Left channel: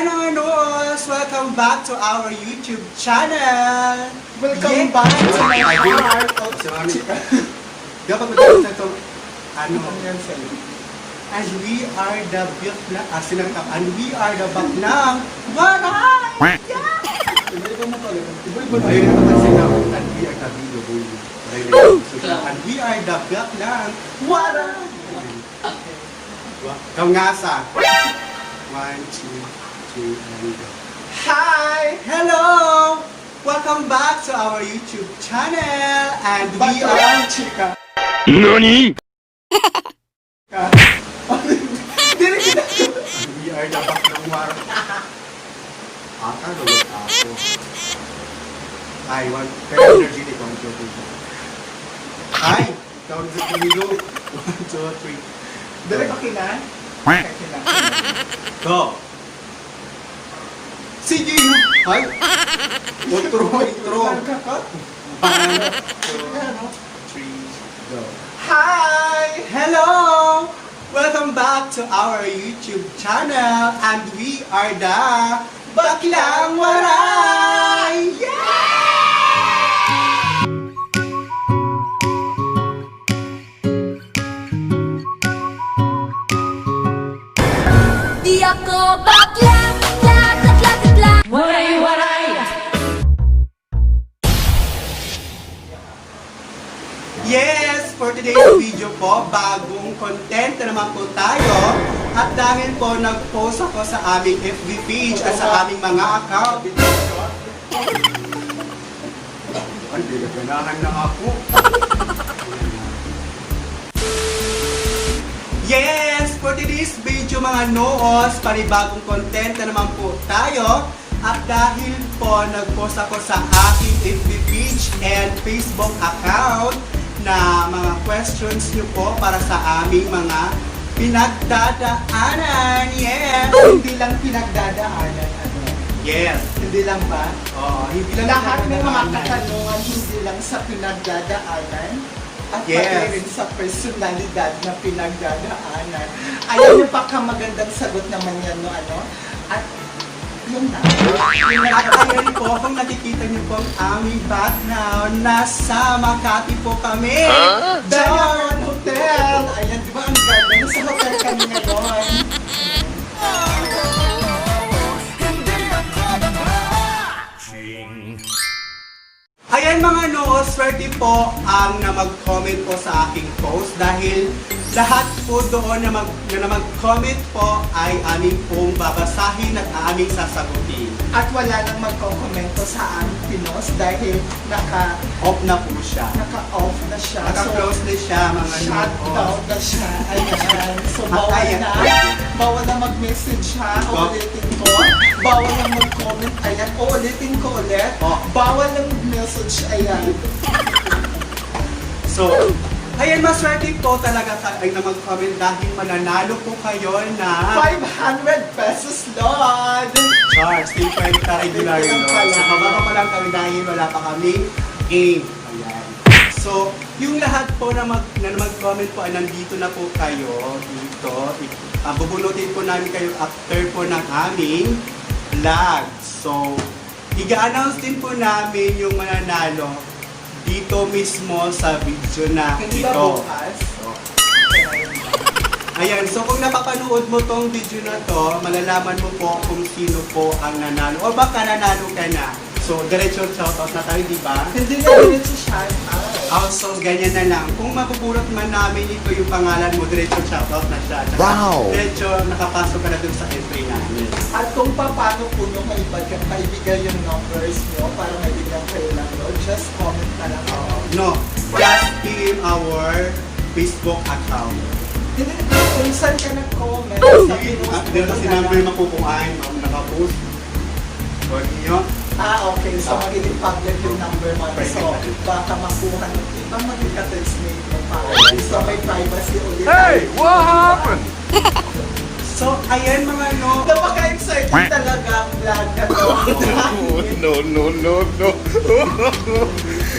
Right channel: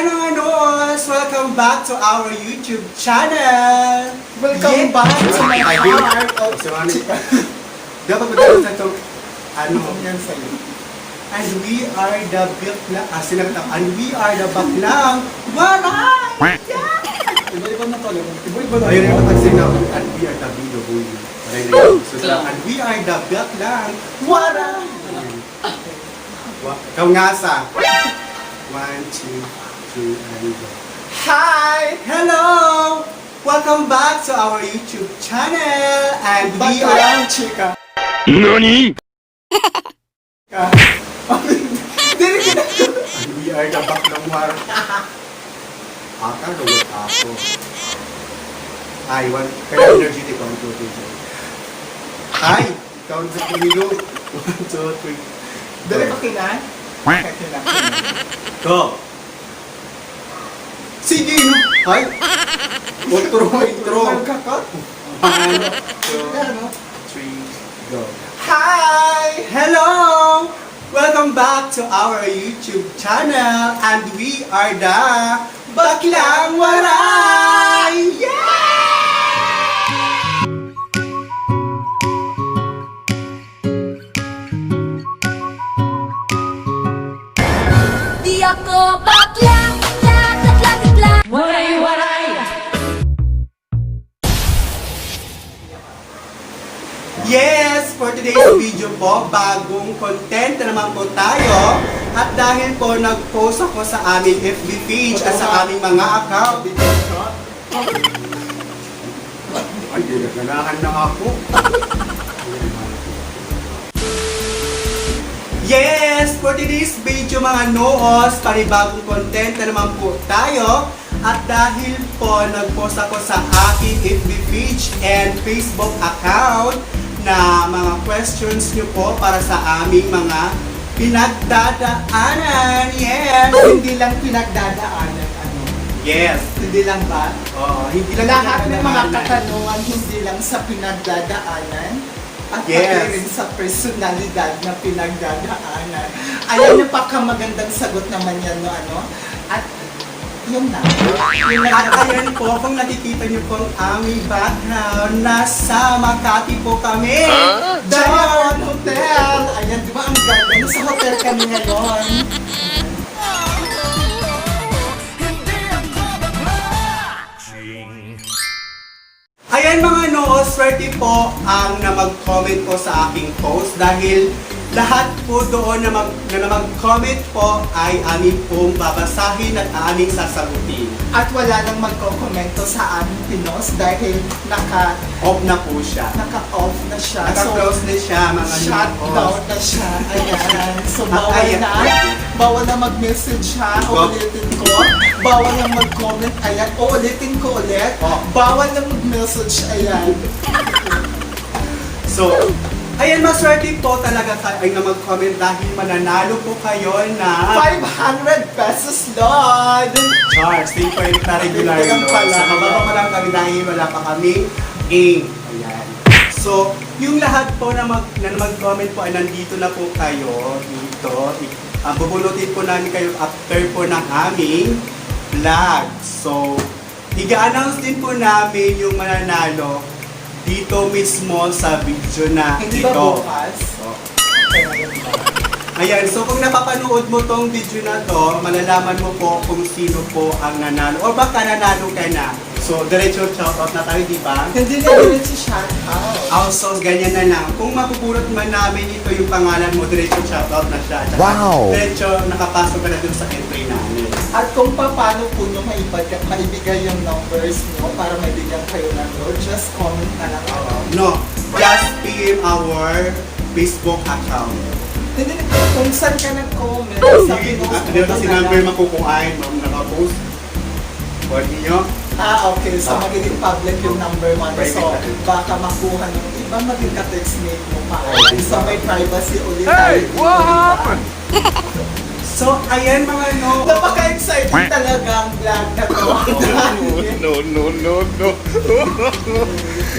Hi mga Noos! Welcome back to our YouTube channel! Welcome back to my heart of chika. Dapat mo dito sa ito, Yan sa'yo. and we are the bakla, and we are the baklang waray! Iba-iba na to. Iba-iba na. Ayun yung kasi namin, and we are the binubuyo. And we are the baklang waray! Kaungasa. 1, 2, 3, and go. Hi! Hello! Welcome back to our YouTube channel, and we are Baklang chika. NANI?! we are the baklang war. Ata, ruwet ako. Ay, kaya energetic ako ito. Ay, ikaw sa pilido. 1, 2, 3. Dali pa kina? Go! Sige! Ay! Intro! Magkaka? 1, 2, 3, go! Hi! Hello! Welcome back to our YouTube channel, and we are the Baklang Waray! Di ako bakla, lakla. Waray! Yes! For today's video po, bagong content na naman po tayo. At dahil po nag-post ako sa aming FB page at sa aming mga account. Hindi, ganahan lang ako. Yes! For today's video mga noos, panibagong content na naman po tayo. At dahil po nag-post ako sa aking FB page and Facebook account na mga questions nyo po para sa aming mga pinagdadaanan. Yes! Hindi lang pinagdadaanan. Yes! Hindi lang ba? Hindi lang Lahat ng mga pinagdadaanan. katanungan hindi lang sa pinagdadaanan at Yes. pati rin sa personalidad na pinagdadaanan. Alam niyo pa ka magandang sagot naman yan, no, ano? At yun na. At ayan po, kung nakikita niyo po ang aming background, nasa Makati po kami. Diamond Hotel! Ayan, di ba ang ganda? Sa hotel kami ngayon. Ayan mga no, swerte po ang na mag-comment po sa aking post dahil lahat po doon na mag-comment po ay aming pong babasahin at aming sasagutin. At wala nang magkokomento sa aming pinos dahil Off na po siya. naka-off na siya. Naka-close na siya mga Shutdown na siya. Ayan. So, bawal Ayan. na. Bawal na mag-message siya. Uulitin ko. Bawal na mag-comment. Ayan. Uulitin ko ulit. Bawal na mag-message. Ayan. So, ayan, maswerte po talaga ay na mag-comment dahil pananalo po kayo na 500 pesos, Lord! Charles, paper na regular Ito lang yun. pala. Sa mababa mo lang kami dahil wala pa kami A. Ayan. So, yung lahat po na mag-comment po ay nandito na po kayo dito. Bubunutin po namin kayo after po ng aming vlog. So, i-announce din po namin yung mananalo dito mismo sa video na Hindi ba ito. bukas? Ayan, so kung napapanood mo tong video na to, malalaman mo po kung sino po ang nanalo. O baka nanalo ka na. So, diretso shoutout na tayo, di ba? Hindi na rin si shoutout. Also, ganyan na lang. Kung mapupulot man namin ito yung pangalan mo, diretso shoutout na siya. Tsaka Wow! diretso nakapasok ka na dun sa entry namin. At kung paano po yung maibigay yung numbers nyo para mabigyan kayo ng load, just comment na lang ako. No, just in our Facebook account. Hindi, kung saan ka nag-comment, sabi mo, At meron kasi number makukuhain, nakapost. Or niyo. okay. So, magiging public yung number 1. So, baka makuha ng iba, maging ka-text-mate mo pa. So, may privacy ulit. Hey! What happened? So, ayan mga no. Napaka-excited talaga ang vlog na to. No.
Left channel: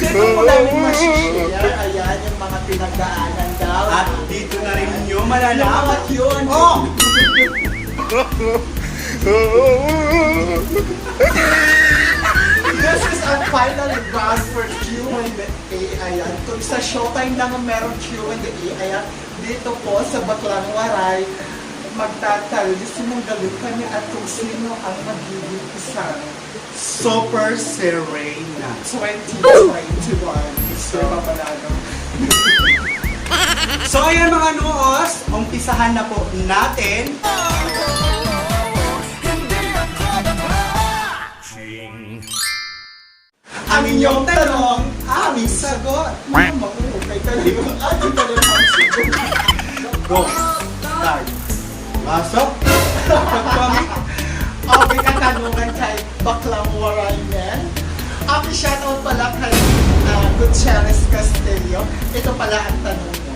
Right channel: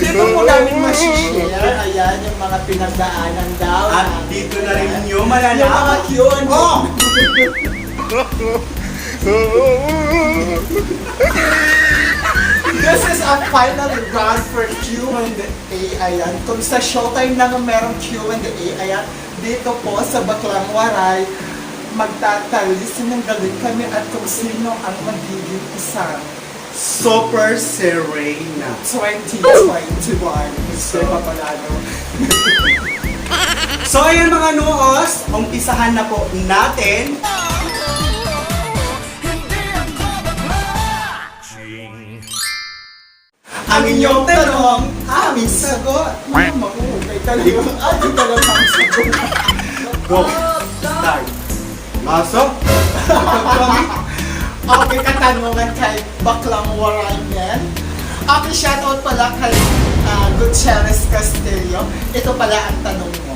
Dito po namin masishare. Ayan, yung mga pinagdaanan daw. At dito na rin yung Yung mga malalaman. Q&A. Oh! This is our final round for Q&A. Ayan. Kung sa showtime na merong Q&A, ayan, dito po sa Baklang Waray, magtatalis, sinanggalit kami at kung sino ang magiging isang Super Serena. 2021. So, papalano. So ayan mga noos, umpisahan na po natin. Ang inyong tanong, aming sagot. Mahukay ka lang. Ano ka lang ang sagot? Go. Start. Pasok. Okay, katanungan kay Baklang Waray men. Okay, shoutout pala kay Gutierrez Castillo. Ito pala ang tanong mo.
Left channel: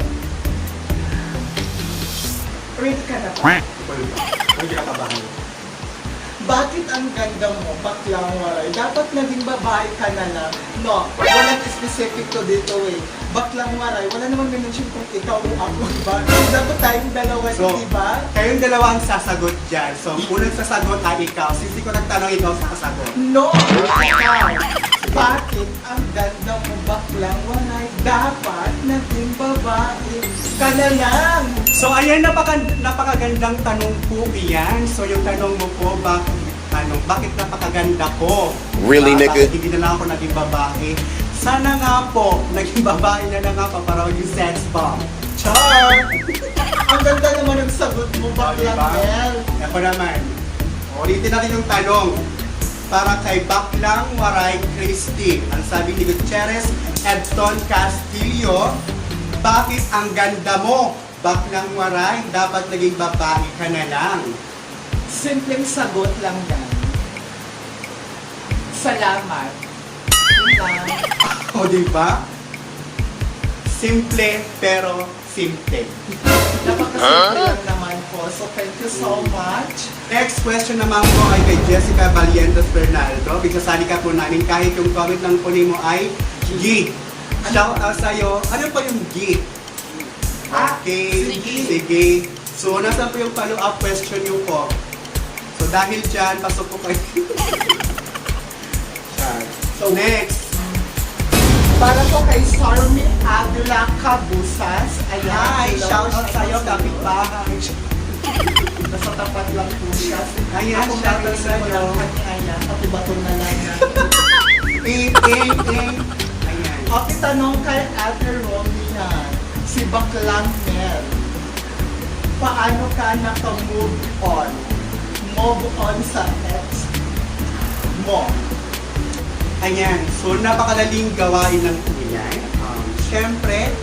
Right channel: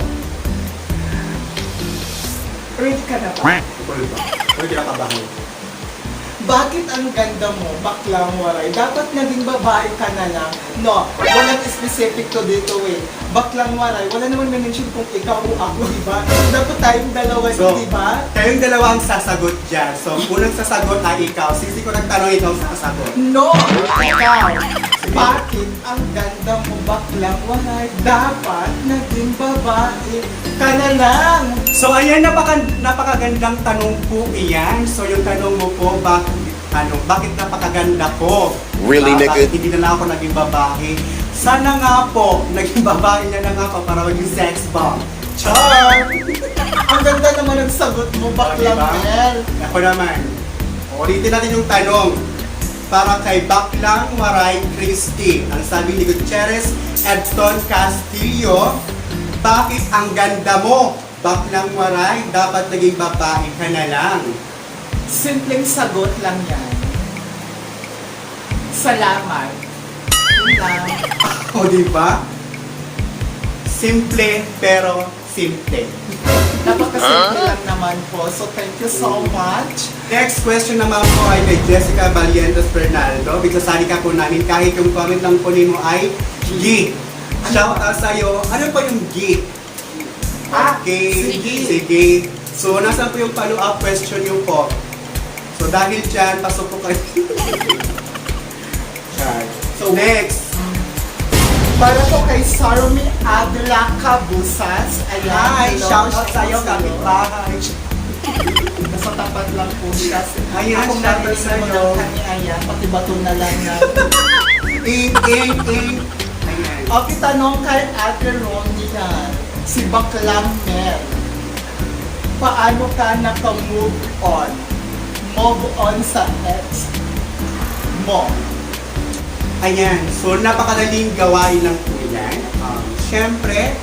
Ready ka na ba? Hindi ka kabaho. Bakit ang ganda mo, Baklang Waray? Dapat naging babae ka na lang. No, walang specific to dito eh. Baklang Waray, wala naman mention kung ikaw o ako, diba? Dapat tayong dalawa, So, diba? kayong dalawa ang sasagot dyan. So, unang sasagot ay ikaw. Since ko nagtanong, ikaw ang sasagot. No! Ikaw! Bakit ang ganda mo, Baklang Waray? Dapat naging babae ka na lang. So, ayan, napakagandang tanong po iyan. So, yung tanong mo po, bakit napakaganda ko? Really, nigga? Bakit hindi na lang ako naging babae? Sana nga po, naging babae na lang ako para maging sex bomb. Char! Ang ganda naman ang sagot mo, Baklang Diba? Waray. Ako naman. Ulitin natin yung tanong. Para kay Baklang Waray Christy. Ang sabi ni Gutierrez Edson Castillo, bakit ang ganda mo? Baklang Waray, dapat naging babae ka na lang. Simpleng sagot lang yan. Salamat. O, di ba? Simple, pero simple. Napakasimple lang naman po. So, thank you so much. Next question naman po ay kay Jessica Valientos Bernaldo. Bigsasali ka po namin kahit yung comment lang po mo ay G. Shout out sa'yo. Ano pa yung G? Okay. Sige. So, nasan po yung follow-up question yung po? So, dahil dyan, pasok po kayo. So, next. Para po kay Sarmi Adela Cabusas. Ay, hello. shout out sa'yo, kapitbahay. Nasa tapat lang po siya. Ayan, Ako shout out narinig sa'yo. mo lang kanya. Pati baton na lang yan. Ayan. Okay, tanong kay Ate Ronnie yan. Si Baklang Mel. Paano ka naka-move on? Move on sa ex mo. Ayan, so napakadaling gawain lang po yan. Siyempre,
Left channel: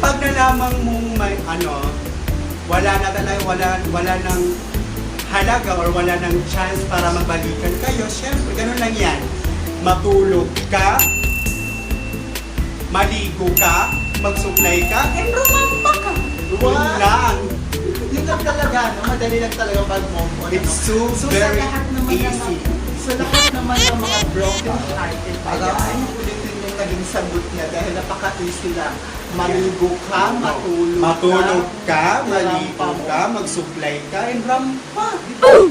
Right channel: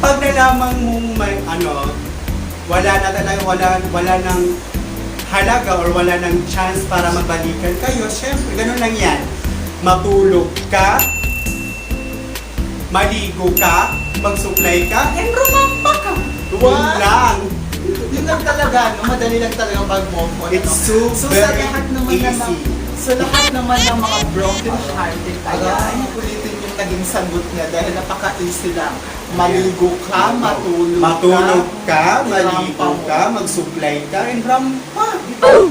pag nalaman mong may wala na talaga, wala nang halaga or wala nang chance para magbalikan kayo, siyempre, ganun lang yan. Matulog ka, maligo ka, magsuklay ka, and rumampa ka. Yun Wow! lang. Yun lang talaga, no? Madali lang talaga mag-move on. It's so sa very lahat naman ng easy. sa lahat naman ng mga broken hearted, ay ulitin yung naging sagot niya dahil napaka-easy lang. Maligo ka, Matulog ka, maligo ka, magsuklay ka, and rampa.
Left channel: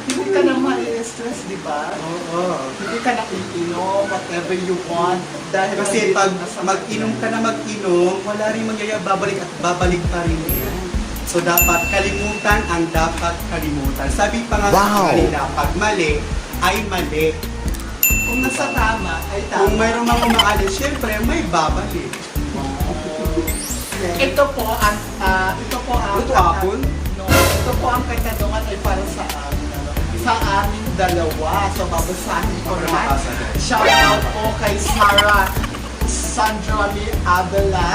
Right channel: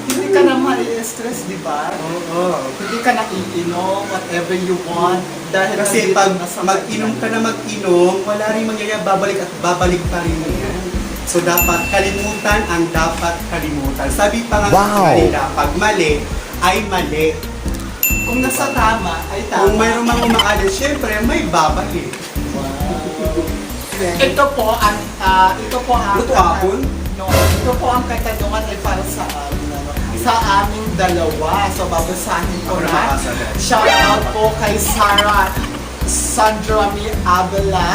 Hindi ka na mali-stress, di ba? Oo. Hindi ka na iinom, whatever you want. Dahil Kasi nandito pag na sa mag-inom ka na mag-inom, wala rin mangyayari, babalik at babalik pa rin yan. So dapat kalimutan ang dapat kalimutan. Sabi pa nga kanina, pag mali, ay mali. Kung nasa tama, ay Kung tama. mayroon mang umaalis, syempre may babalik. Ito po ang Hapon? No, ito po ang katanungan ay para sa aming dalawa. So babasahin ko Ako na na. babasa. Shout out po kay Sarah Sandrami Abela.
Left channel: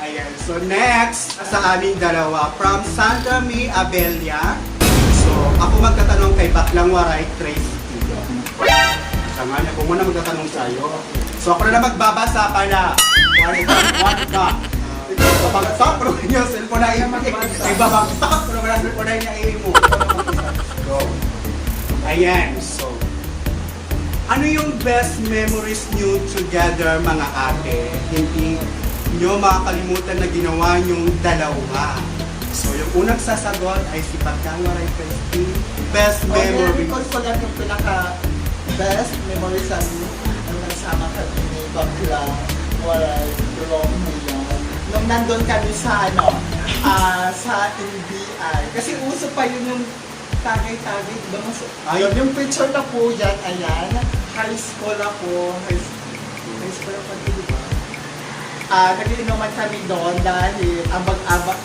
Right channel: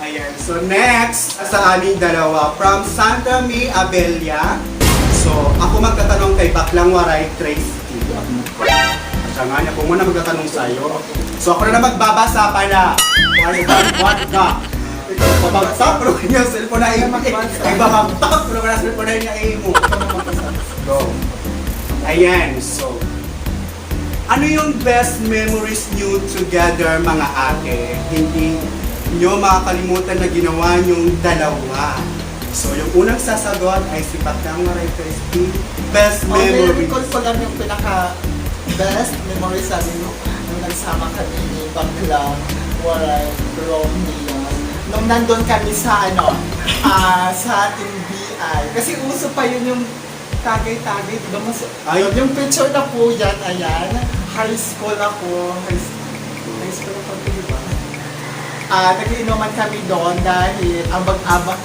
Ayan. So next, sa aming dalawa, from Sandra May Abelia. So, ako magtatanong kay Baklang Waray Tracy. Sama niya, ako muna magtatanong sa'yo. So, ako na magbabasa pala. What na? Babagsak, pero kanya yung cellphone na iyo. Ibabagsak, pero kanya yung cellphone na niya mo. Go. Ayan, so. Ano yung best memories niyo you together mga ate, hindi nyo makakalimutan na ginawa nyong dalawa. So, yung unang sasagot ay si Baklang Waray Christy. Best memory. Recall ko lang yung pinaka-best memory sa nung nagsama kami ni Baklang Waray Romeo. Nung nandun kami sa sa NBI. Kasi uso pa yun yung tagay-tagay. Diba? Ay. Yung picture na po yan, ayan. High school ako. High school ako, diba? Nag-iinuman kami doon dahil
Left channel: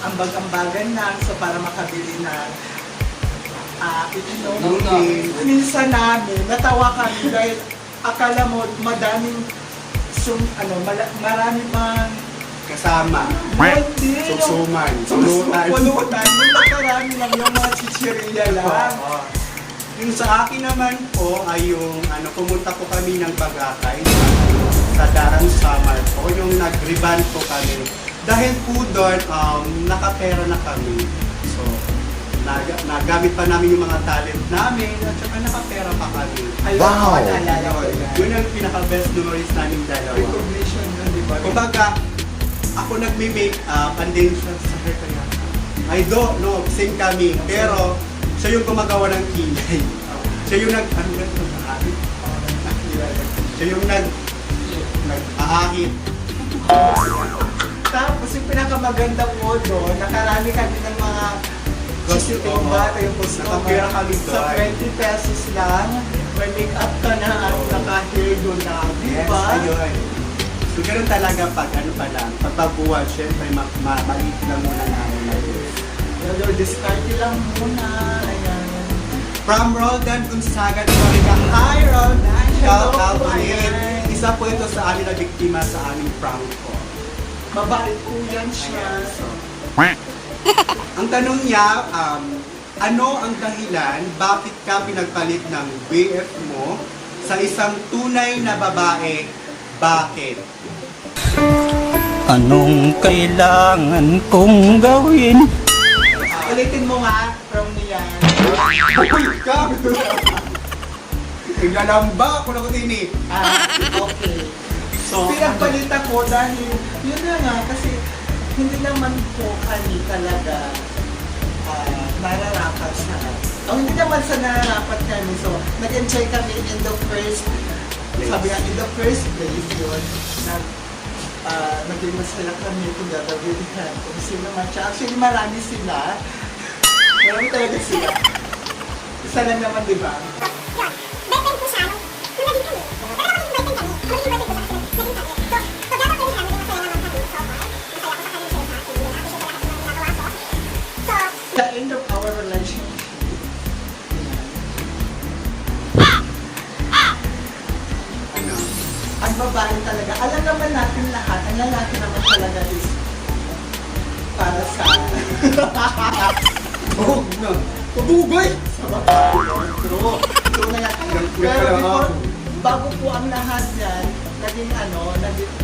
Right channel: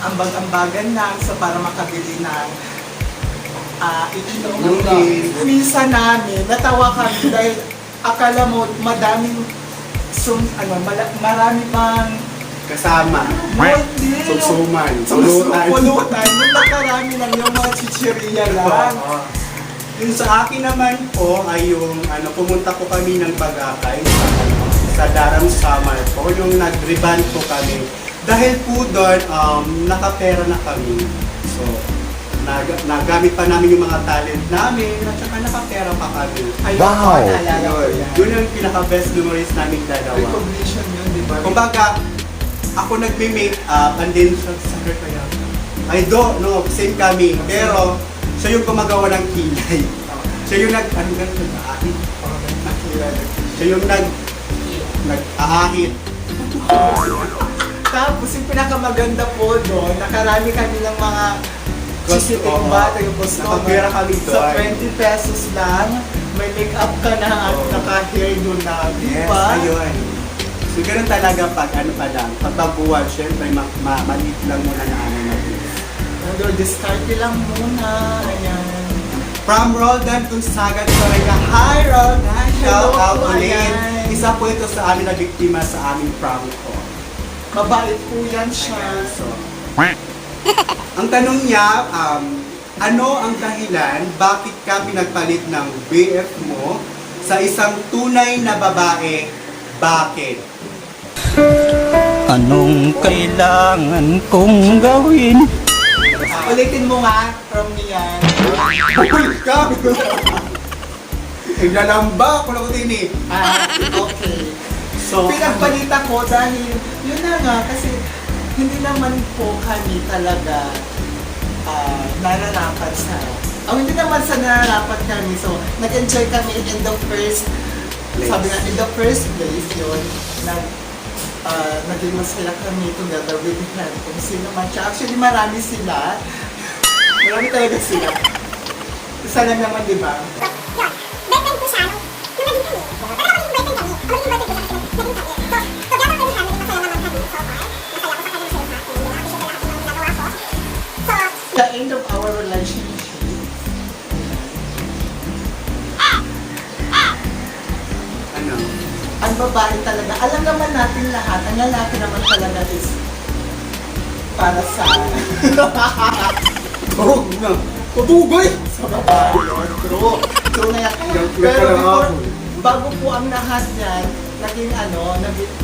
ambag-ambagan lang so para makabili ng iinom. Minsan namin, natawa kami dahil akala mo madaming marami pang Kasama. Susuman. pulutan. Yung nakarami lang yung mga chichirya lang. Yung sa akin naman po ay yung pumunta po kami ng Bagakay sa Daram Summer po, yung nag-reband po kami. Dahil po doon, nakapera na kami. So, nagamit pa namin yung mga talent namin at saka nakapera pa kami. Ayun, Wow. naalala ko yan. Yun yung pinaka-best memories namin dalawa. Recognition yun, di ba? Kumbaga, ako nagme-make up and then sabi ko yan, I don't know, same kami. Pero, siya yung gumagawa ng kilay. Siya yung siya yung nag-aahit. Tapos yung pinakamaganda po doon, nakarami kami ng mga sisiting bata, yung boss ko. Nakapera kami Sa doon. 20 pesos lang, may make-up ka na at naka-hairdo na, di Yes, ba? ayun. So, ganun talaga pag pa lang. Kapag buwan, syempre, maliit na muna namin. Although discarte lang muna, ayan. From Roldan Gonzaga, Florida. Hi, Roldan! Shout out Hello, ulit. ayan. Isa po ito sa amin na biktima sa aming prank call. Mabait po yan siya. So, Ang tanong niya, ano ang dahilan bakit ka pinagpalit ng BF mo sa isang tunay na babae? Bakit? Anong kailangan kong gawin? ulitin mo nga, from Nian. Ka! Naglalamba ako lang din eh. Okay. So, Pinagpalit ako dahil, yun nga kasi hindi naman po kami talaga nararapat sa hindi naman sa nararapat kami. So, nag-enjoy kami in the first, sabi nga, in the first place yun, naging masaya kami together with him. Kung sino man siya. Actually, marami sila. Marami talaga sila. Isa lang naman, di ba? Boyfriend ko siya, nung naging kami. Pero ako naging boyfriend kami. Ako naging boyfriend ko siya, naging kami. So, together kami siya, naging masaya naman kami so far. Masaya ako sa kanya, masaya sa akin. Appreciate ko lahat ng mga ginagawa ko. So, The end of our relationship. Ang babae talaga, alam naman natin lahat, ang lalaki naman talaga is para sa oh, no. Pabugoy! sa babae. True. True na yan. Pero before, bago po ang lahat yan, naging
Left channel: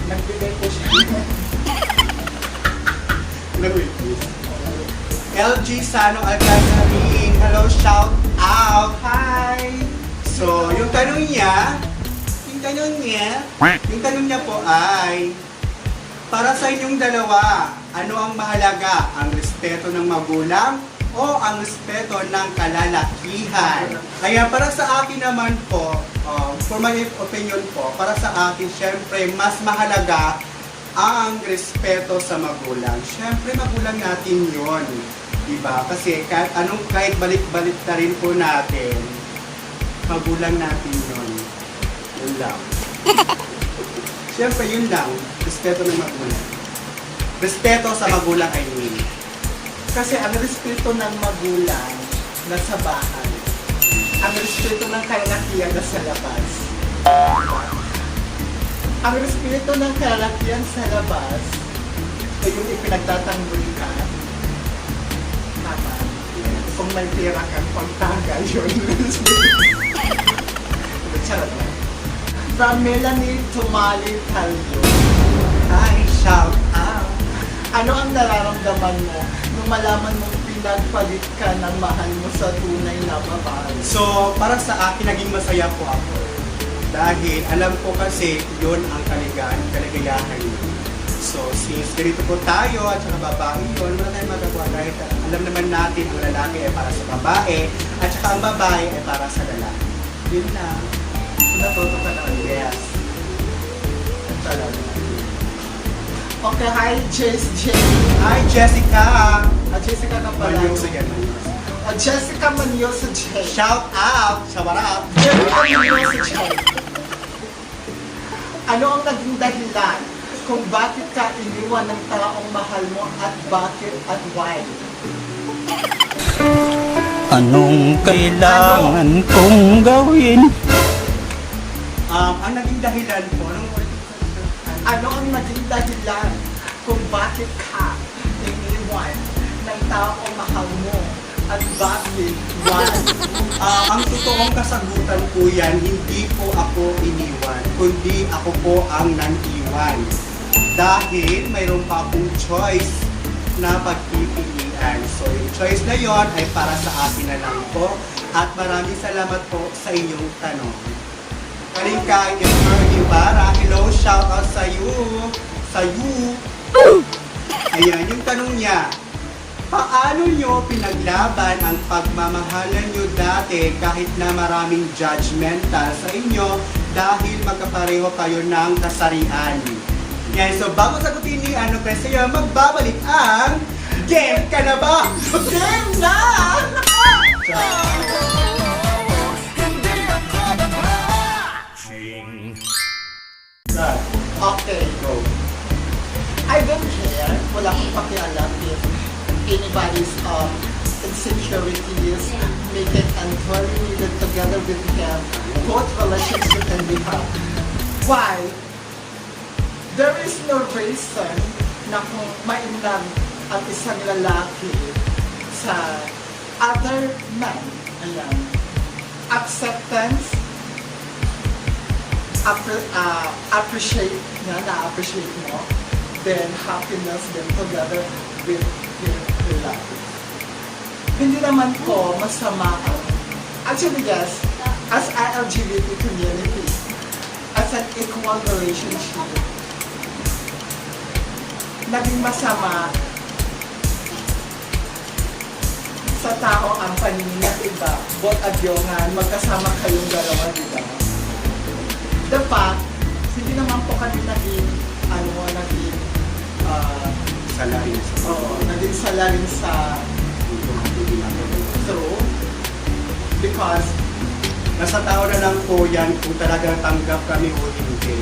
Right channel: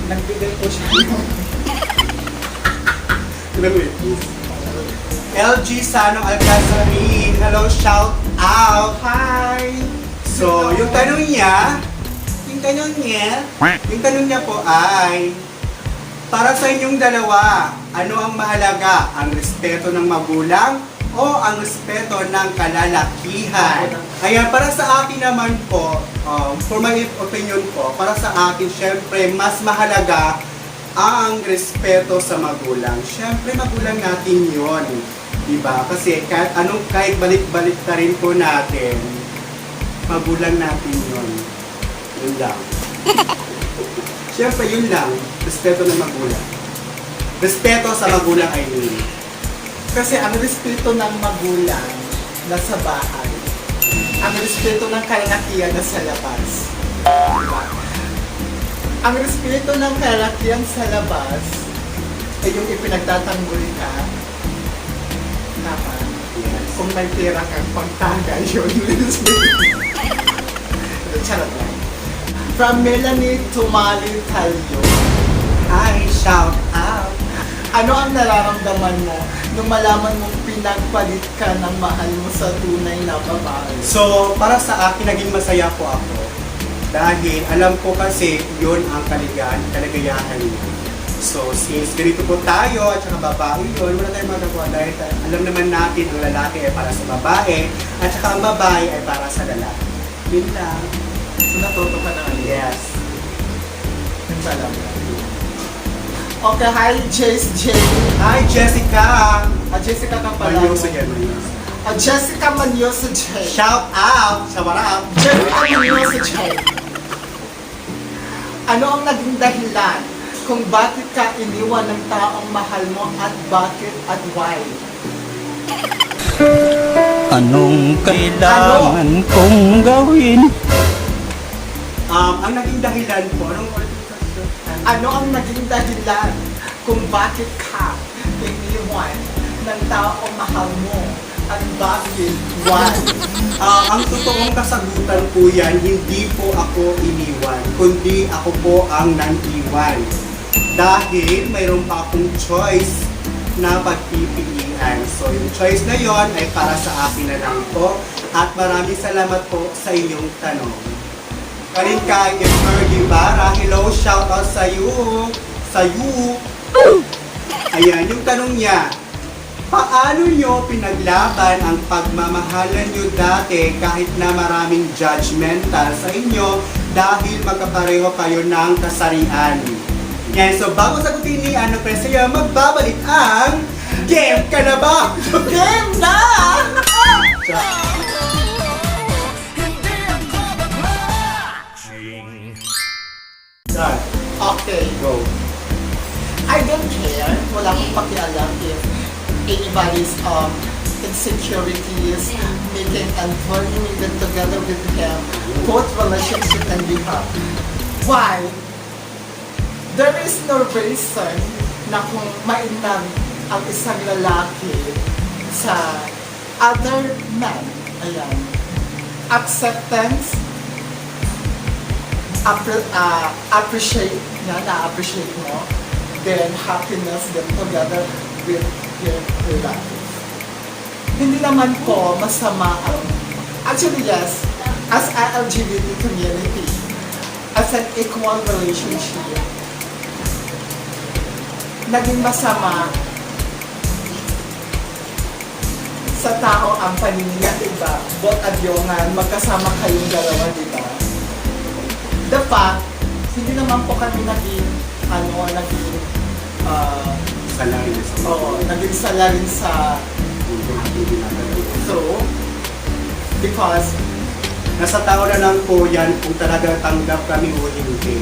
nagbigay po siya. LG Sano Alcazari, hello, shout out! Hi! So, yung tanong niya po ay, para sa inyong dalawa, ano ang mahalaga? Ang respeto ng magulang o ang respeto ng kalalakihan? Kaya para sa akin naman po, for my opinion po, para sa akin, syempre, mas mahalaga ang respeto sa magulang. Syempre, magulang natin yon, diba? Kasi kahit balik-balik na rin po natin, magulang natin yon. Yun lang. Siyempre, yun lang. Respeto ng magulang. Respeto sa magulang ay yun. Kasi ang respeto ng magulang nasa bahay, ang respeto ng kalakihan nasa labas. Ang respeto ng kalakihan sa labas ay yung ipinagtatanggol ka. Tama. Kung may pera kang pangtagal, yun. Charot lang. From Melanie to Malin tayo. Hi, shout out! Ano ang nararamdaman mo nung malaman mong pinagpalit ka ng mahal mo sa tunay na babae? So, para sa akin, naging masaya po ako. Dahil alam ko kasi yun ang kaligayahan niyo. So, since ganito po tayo at saka babae yun, wala tayong magagawa dahil alam naman natin ang lalaki ay para sa babae at saka ang babae ay para sa lalaki. Yun lang. So, natuto ka na. Yes. Okay, hi, J. Hi, Jessica! Jessica ka pala. Manyosa yan. Jessica Manyosa J. Shout out! Shout out! Jessica Manyosa J. Ano ang naging dahilan kung bakit ka iniwan ng taong mahal mo at bakit at why? Anong kailangan kong gawin? Ang naging dahilan po, Ano ang naging dahilan kung bakit ka iniwan ng taong mahal mo at bakit why? ang totoong kasagutan po yan, hindi po ako iniwan, kundi ako po ang nang-iwan. Dahil mayroon pa akong choice na pagpipilian. So yung choice na yon ay para sa akin na lang po. At maraming salamat po sa inyong tanong. Kalingkay, Ibarra, hello, shout out sa iyo. Sa iyo. Ayan, yung tanong niya. Paano nyo pinaglaban ang pagmamahalan nyo dati kahit na maraming judgmental sa inyo dahil magkapareho kayo ng kasarian? Yan, so bago sagutin ni Ano Presyo, magbabalik ang Game Ka Na Ba? Game na! Okay, Go. I don't care. Wala akong pakialam if anybody's insecurities make it avoid me get together with them, both relationship and diba. Why? There is no reason na kung mainam ang isang lalaki sa other man. Ayan. Acceptance, appreciate na-appreciate mo, then happiness, then together with your life. Hindi naman ko masama ang, actually yes, as an LGBT community, as an equal relationship, naging masama sa tao ang paningin, diba? Both adyongan, magkasama kayong dalawa, diba? The fact, hindi naman po kami naging salarin sa so, because Nasa tao na lang po yan kung talagang tanggap kami o hindi.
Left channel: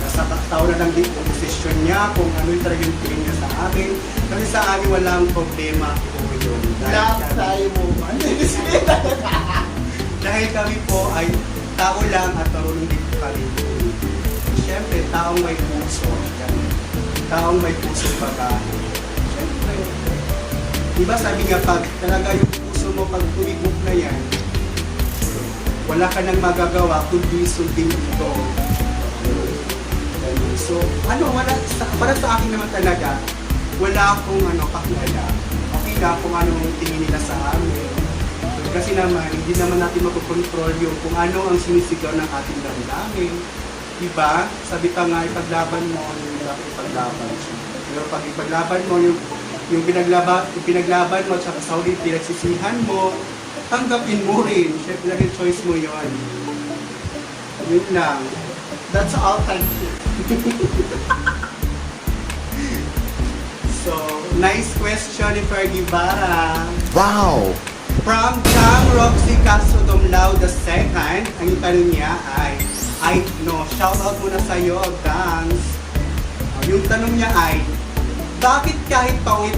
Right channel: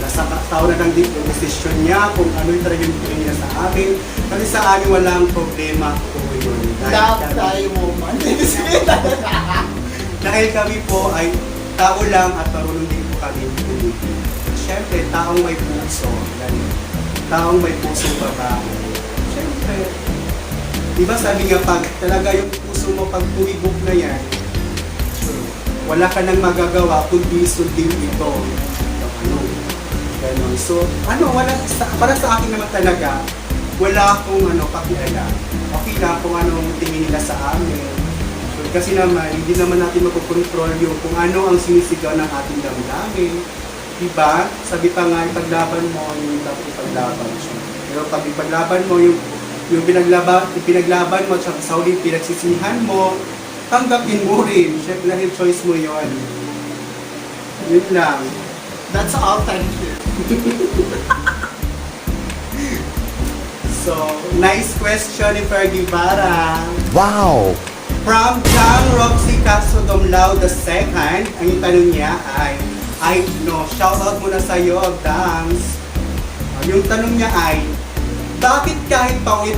Nasa tao na lang din yung desisyon niya kung ano yung talagang tingin niya sa amin. Kasi sa amin walang problema po yun. love thy woman. Dahil kami po ay tao lang at marunong din po kami. Siyempre, taong may puso. Taong may puso pa. Siyempre, diba sabi nga pag talaga yung puso mo pag tumibok na yan, wala ka nang magagawa kundi sundin ito. Ganun. So, para sa akin naman talaga, wala akong pakilala. Okay na kung anong tingin nila sa amin. Kasi naman, hindi naman natin makukontrol yung kung ano ang sinisigaw ng ating damdamin. Diba? Sabi pa nga, ipaglaban mo, ano yung dapat ipaglaban siya. Pero pag ipaglaban mo, yung pinaglaban mo, tsaka sa huling pinagsisihan mo, tanggapin mo rin. Siyempre, dahil choice mo yun. Yun lang. That's all, thank you. So, nice question ni Fergie Bara. Wow! From Chang Roxy Castro Domlao II, ang yung tanong niya ay shoutout muna sa iyo, Dance. Yung tanong niya ay, bakit kahit paulit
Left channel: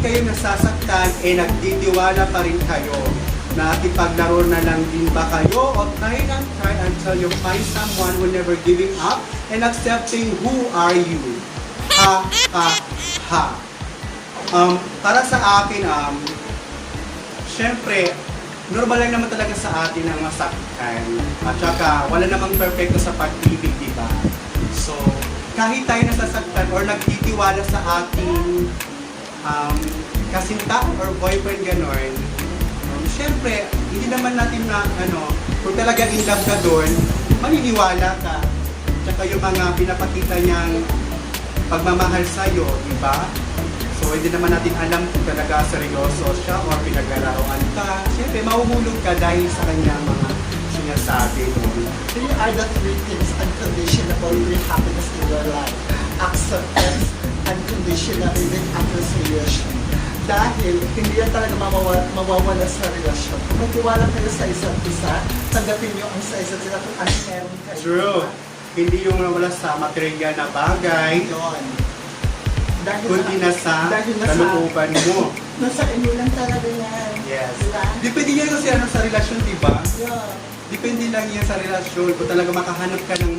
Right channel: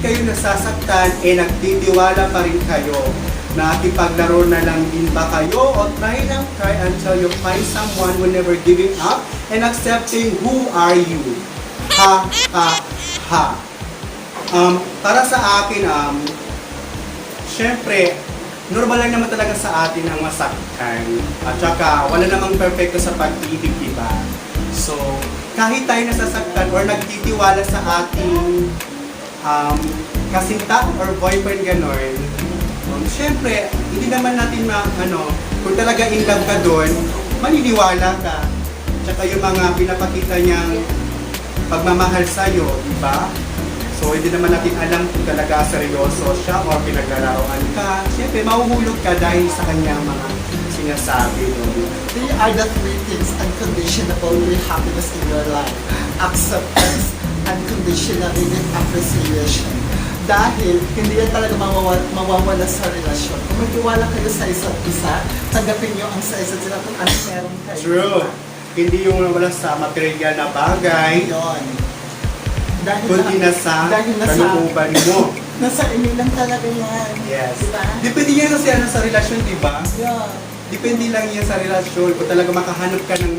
kayo nasasaktan, nagtitiwala pa rin kayo? Nakipaglaro na lang din ba kayo? O try until you find someone who never giving up and accepting who are you? Ha, ha, ha. Para sa akin, syempre, normal lang naman talaga sa atin ang masaktan. At saka, wala namang perfecto sa pag-ibig, diba? So, kahit tayo nasasaktan or nagtitiwala sa ating kasintahan or boyfriend gano'n, syempre, hindi naman natin kung talaga in love ka doon, maniniwala ka. Tsaka yung mga pinapakita niyang pagmamahal sa'yo, di ba? So, hindi naman natin alam kung talaga seryoso siya o pinag-arawan ka. Siyempre, mahuhulog ka dahil sa kanyang mga sinasabi. Three are the three things unconditional with happiness in your life. Acceptance, unconditional, even appreciation. Dahil hindi yan talaga mawawala sa relasyon. Kung natiwala kayo sa isa't isa, tanggapin nyo ang sa isa't isa kung ano meron kayo. True. Hindi yung wala sa material na bagay, Yun. Dahil kundi nasa kalooban mo. nasa inyo lang talaga yan. Yes. Diba? Depende yan kasi ano sa relasyon, di ba? Yeah. Depende lang yan sa relasyon. Kung talaga makahanap ka ng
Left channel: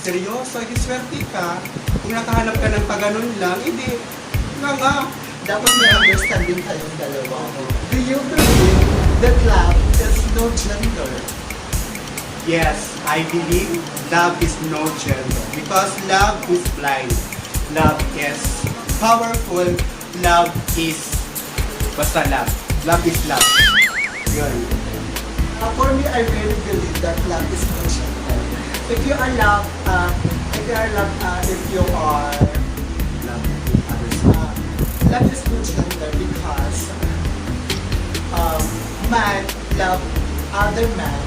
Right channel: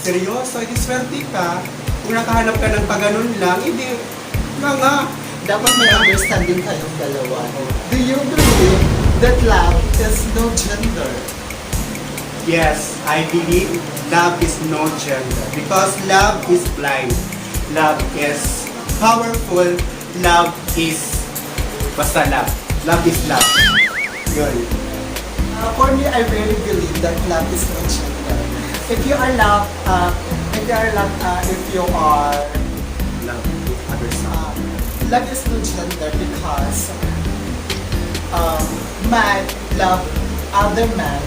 seryoso, ay swerte ka. Kung nakahanap ka ng paganon lang, hindi. Nga. Dapat may understanding kayong dalawa. Do you believe that love has no gender? Yes, I believe love is no gender. Because love is blind. Love is powerful. Love is basta love. Love is love. Yun. For me, I really believe that love is no gender. If you are love, love is no gender because man love other man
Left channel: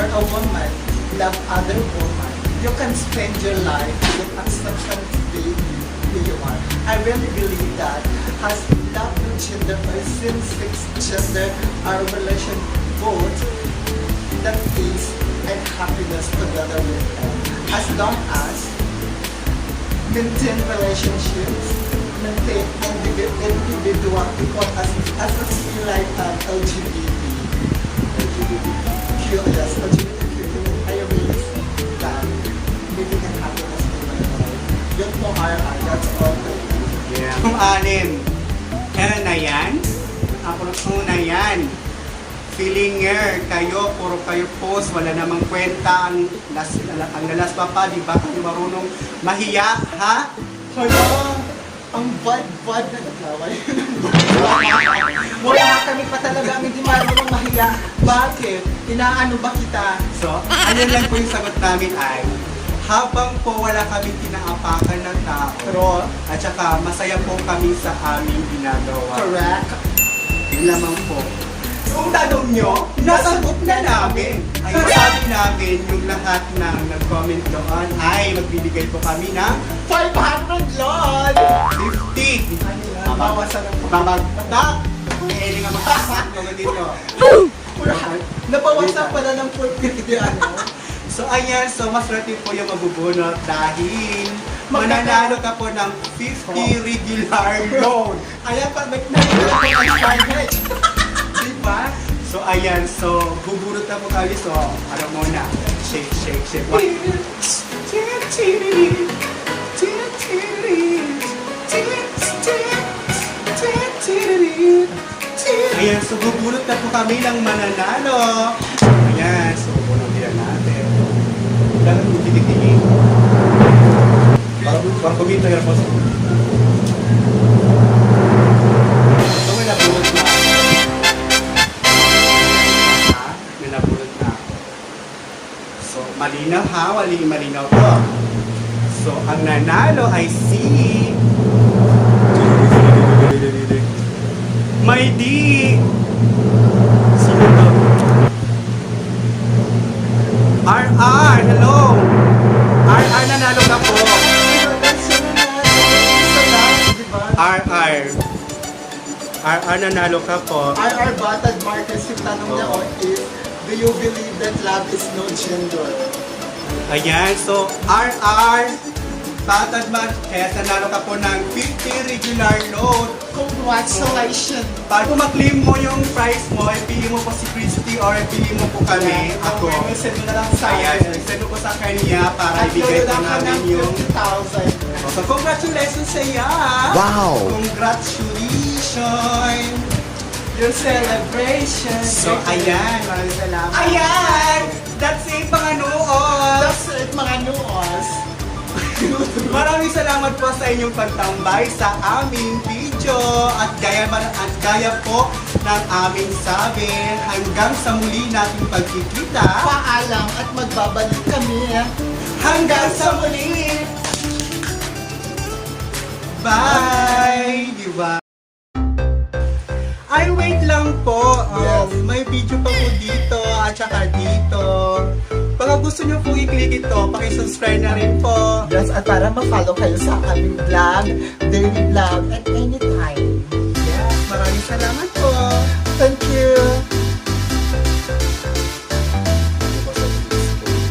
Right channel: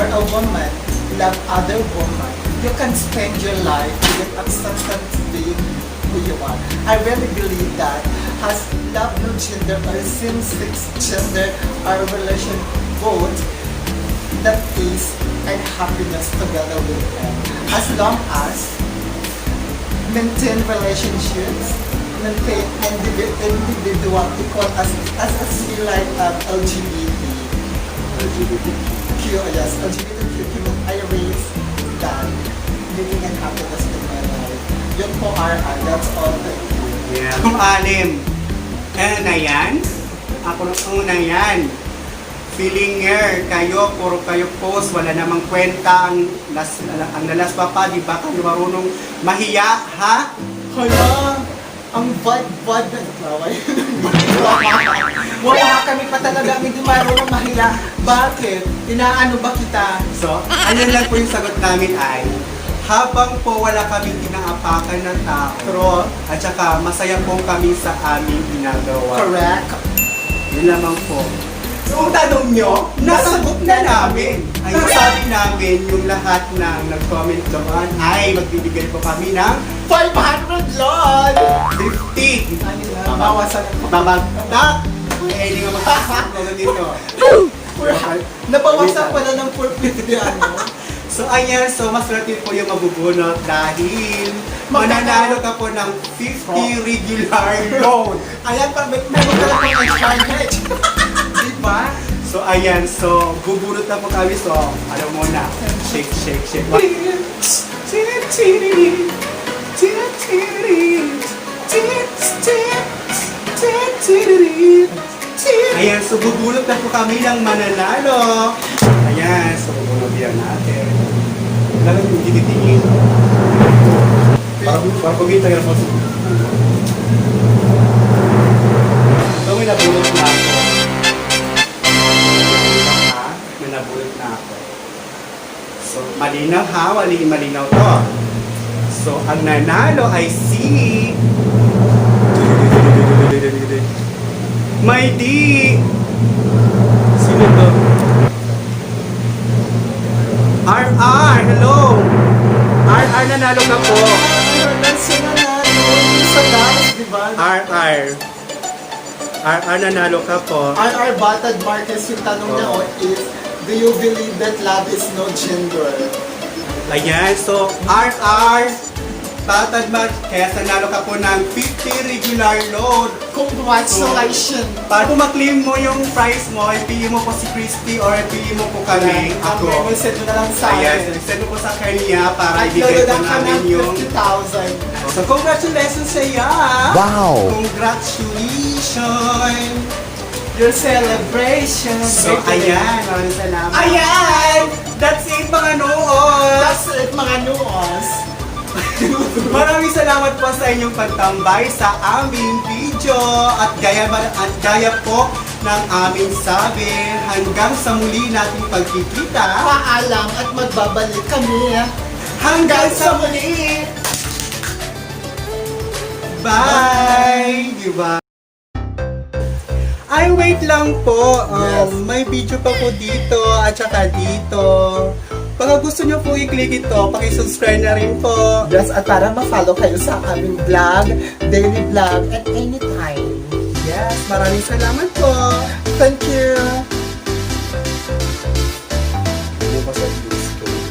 or a woman love other woman. You can spend your life with acceptance being who you are. I really believe that as love no gender or same-sex gender or relation both that peace and happiness together with them. As long as maintain relationships, maintain individual equal as we like LGBTQ, yes, LGBTQ, I raise that living and happiness in my life. Yun po that's all. Ang alim. Yan na yan. Ako na yan. Feeling year, kayo, puro kayo post, wala namang kwenta ang nalas pa, di ba? Kayo marunong mahiya, ha? Hala, ang bad na naway. Wala kami pa talaga hindi marunong mahiya. Bakit? Inaano ba kita? So, ano lang po yung sagot namin ay, habang po wala kaming inaapakan na tao, at saka masaya po kami sa aming ginagawa. Correct. Yun lamang po. Yung tanong nyo, nasagot na namin. Ang sabi namin, yung lahat ng nag-comment naman ay magbibigay po kami ng 500 yon! 50. Mabawasan ang Babagtak! Eh, hindi nga magpapagawa dito. Nabawasan pala ng 450 ano? So ayan, so maswerte po yung mabubunot dahil mananalo ka po ng 50 regular loan. Ayan pa, may charge. Diba? So ayan, so bubunot na po kami. So ano muna? Shake, shake, shake. Ayan, so bubunot na po kami ng mananalo. Ayan, so bubunot natin. Lalo kung tinitingin. Pagpugin tayo po. So may nabunot na. May nabunot na ako. So malinaw ha, malinaw po. So ang nanalo ay si May D. Sino ba? RR, hello. RR nanalo na po. Sino na? Sa guys, di ba? RR nanalo ka po. RR Batad Marquez, yung tanong niya is, do you believe that love is no gender? Ayan, so RR Tatad Match, kaya nanalo ka po ng 50 regular load. Congratulations! Para po ma-claim mo yung prize mo, ipili mo po si Christy or ipili mo po kami. Ako, Ako. send mo na lang sa Ayan, akin. send mo po sa kanya para At ibigay yun po lang ka namin ng yung... 50,000. So congratulations sa iyo! Wow! Congratulations! Your celebration. So ayan, maraming salamat. Ayan! That's it mga noon! That's it, mga nuos. Maraming salamat po sa inyong pagtambay sa aming video at gaya po ng aming sabi. Hanggang sa muli nating pagkikita. Paalam at magbabalik kami. Hanggang sa muli! Bye! Diba? Ay, wait lang po. Yes. May video pa po dito at saka dito. Baka gusto nyo po i-click ito, pakisubscribe na rin po. Yes, at para ma-follow kayo sa aming vlog, daily vlog, at anytime. Yes, maraming salamat po.